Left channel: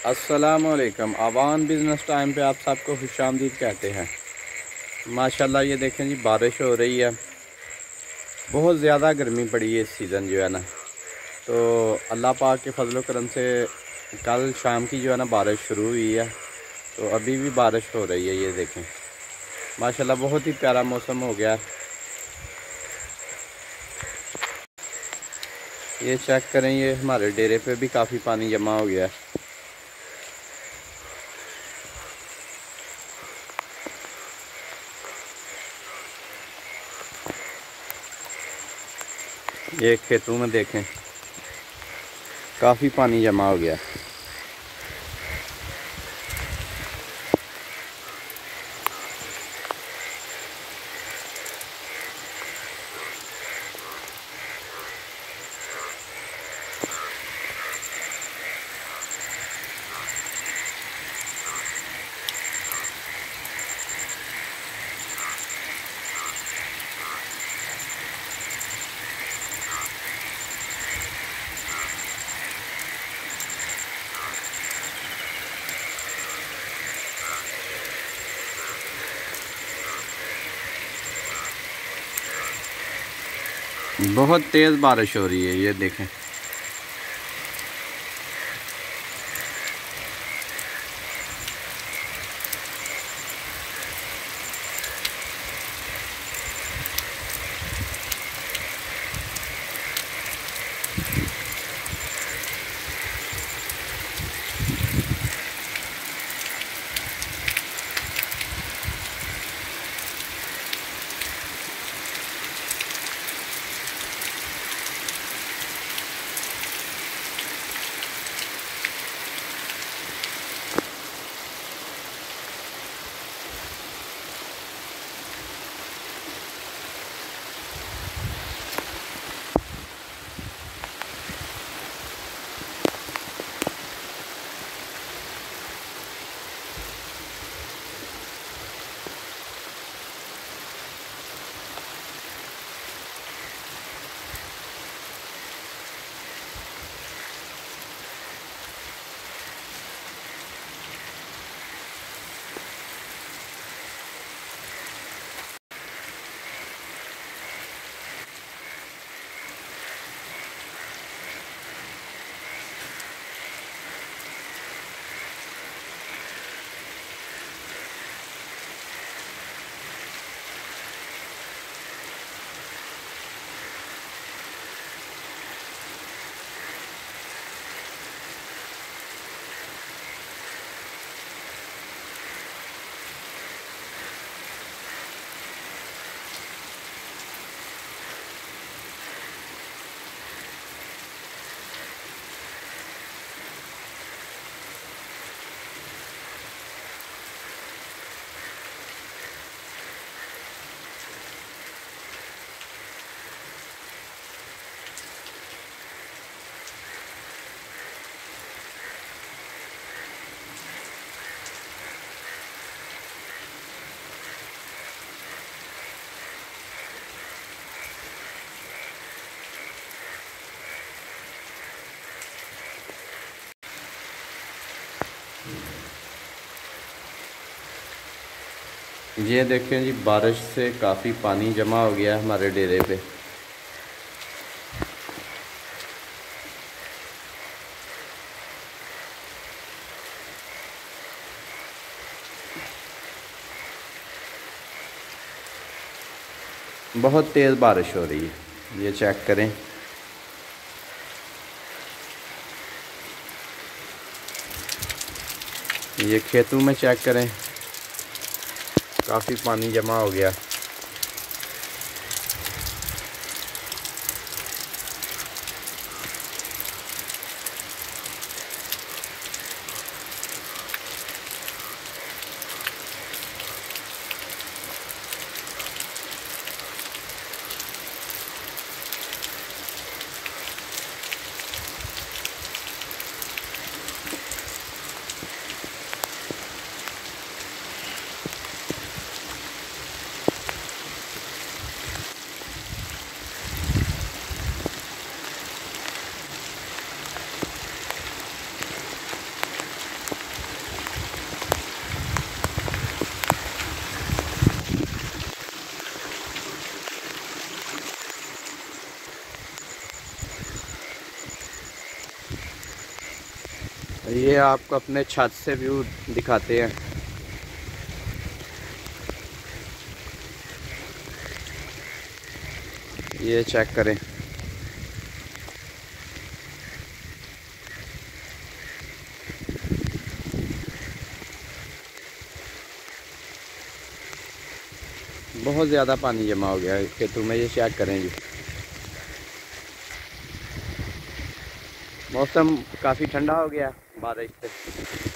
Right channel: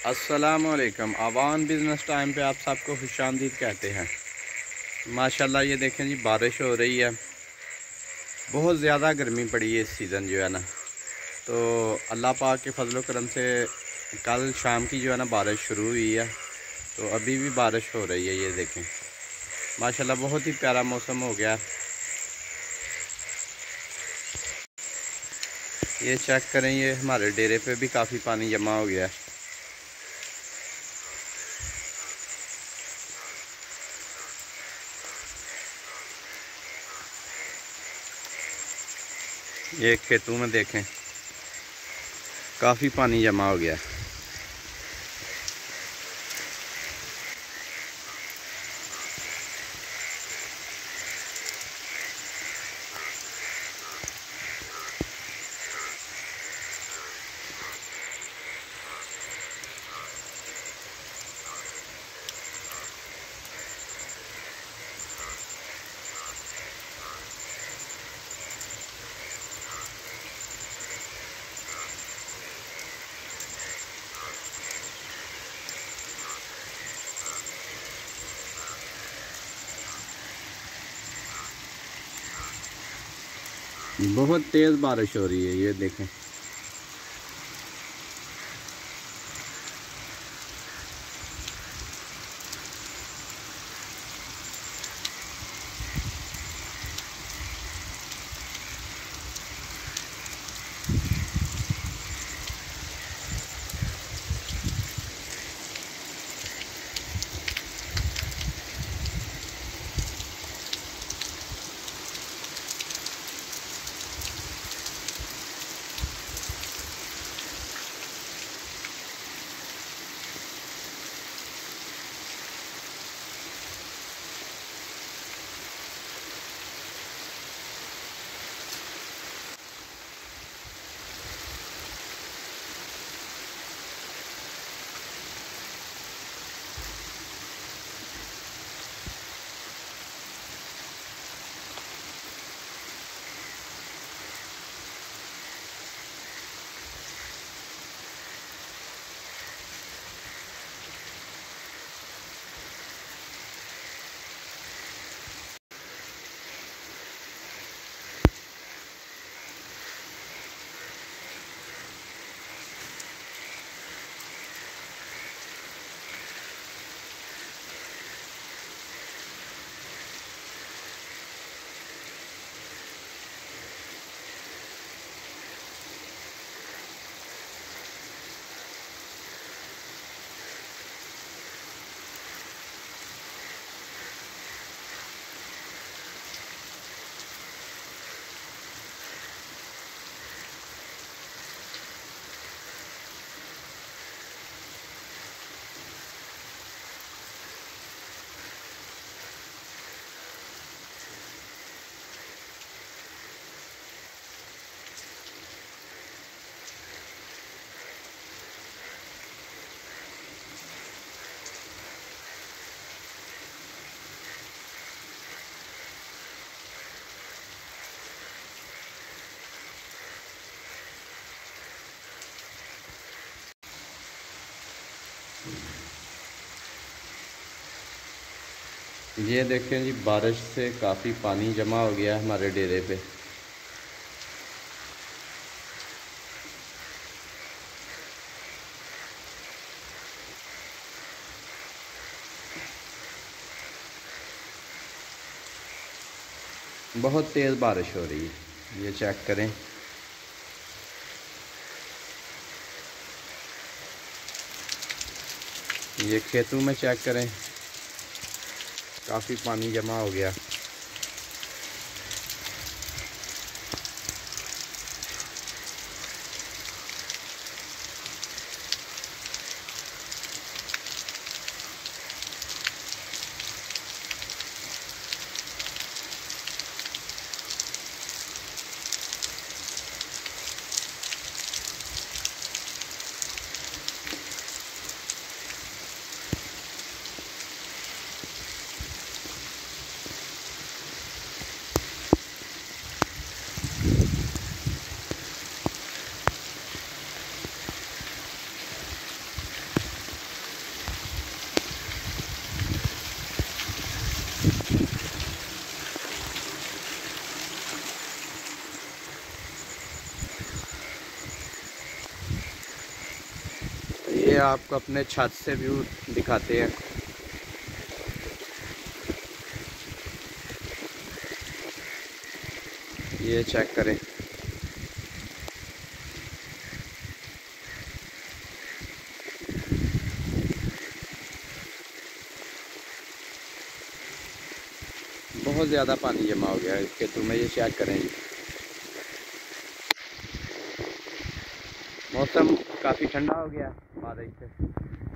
अस्सलामुअलैकुम। आवान business time पे आप सबको खुशामदीद कहते हैं। माशाल्लाह ये देखें जी, बारिश हो रही है। बहुत ज़्यादा गर्मी पड़ी है इस सीज़न जो है ना। तो अल्लाह पाक के फजल करम से कल शाम की जो है ना बारिश शुरू हुई है। तो अभी भी बारिश हो रही है। ये देखें माशाल्लाह बहुत ही प्यारा मौसम हो गया। ये चेक करें, ये हमारे डेरे पे भी काफ़ी पानी जमा हो गया है। ये खेतों में देखें काफ़ी पानी जमा हो गया। बहुत तेज़ बारिश हो रही है। ये देखें ये देखें जी, बारिश से काफ़ी पानी जमा हो गया हमारे डेरे पे। बहुत तेज़ बारिश हो रही है। ये चेक करें। ये खेतों में चेक करें, काफ़ी पानी जमा हो गया। ये आपको अपने छत से व्यू दिखाते हैं। ये चेक करें, बहुत ज़्यादा पानी जमा हो गया है खेतों में। ये चेक करें जी, मौसम काफ़ी ठंडा हो गया बारिश से।